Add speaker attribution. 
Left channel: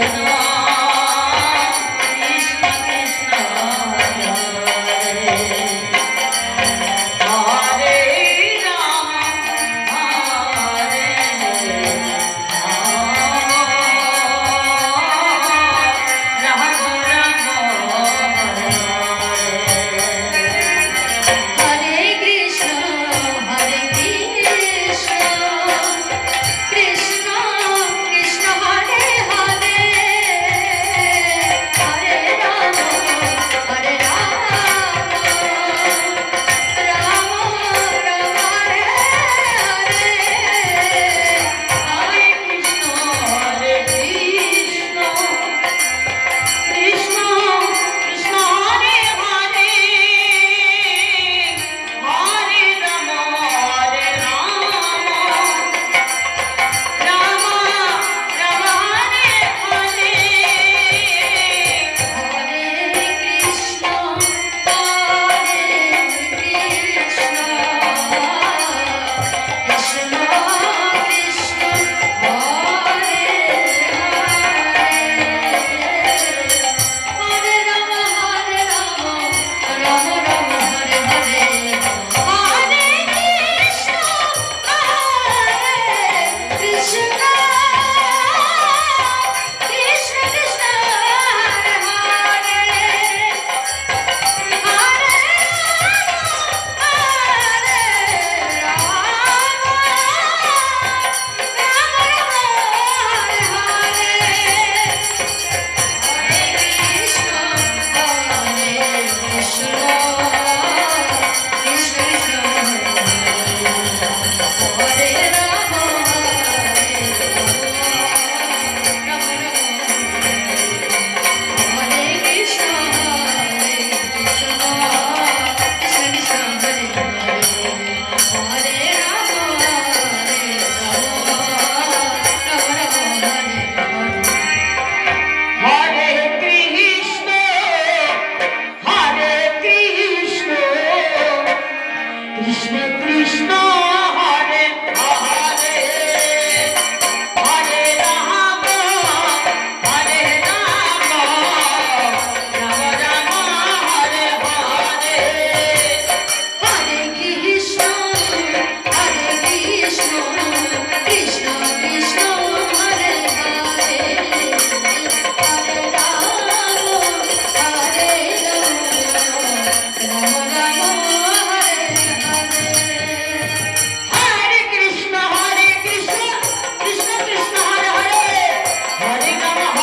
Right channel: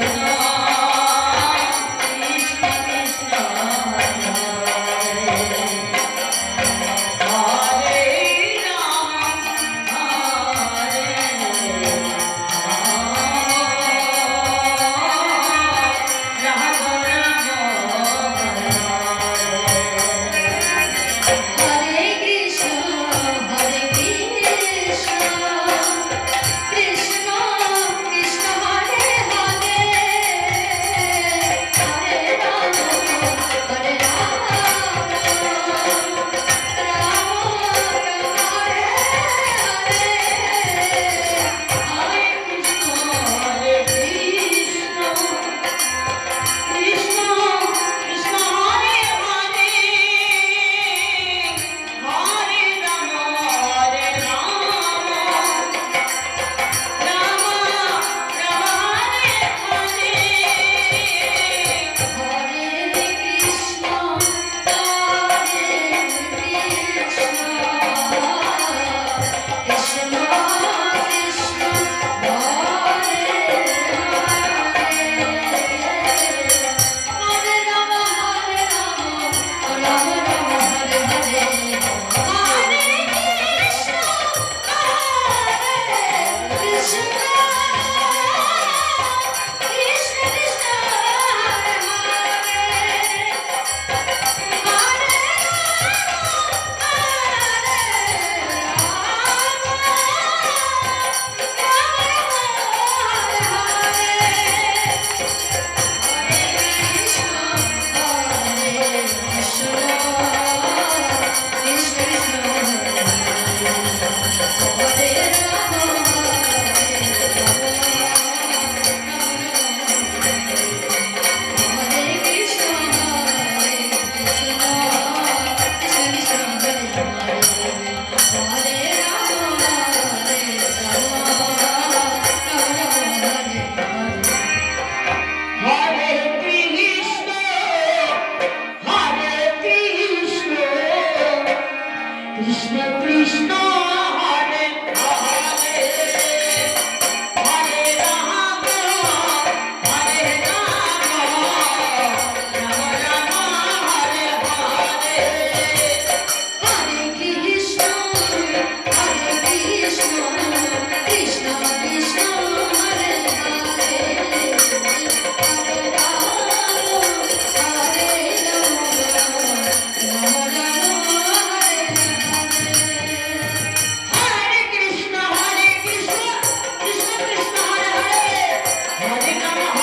Speaker 1: 되나 誰から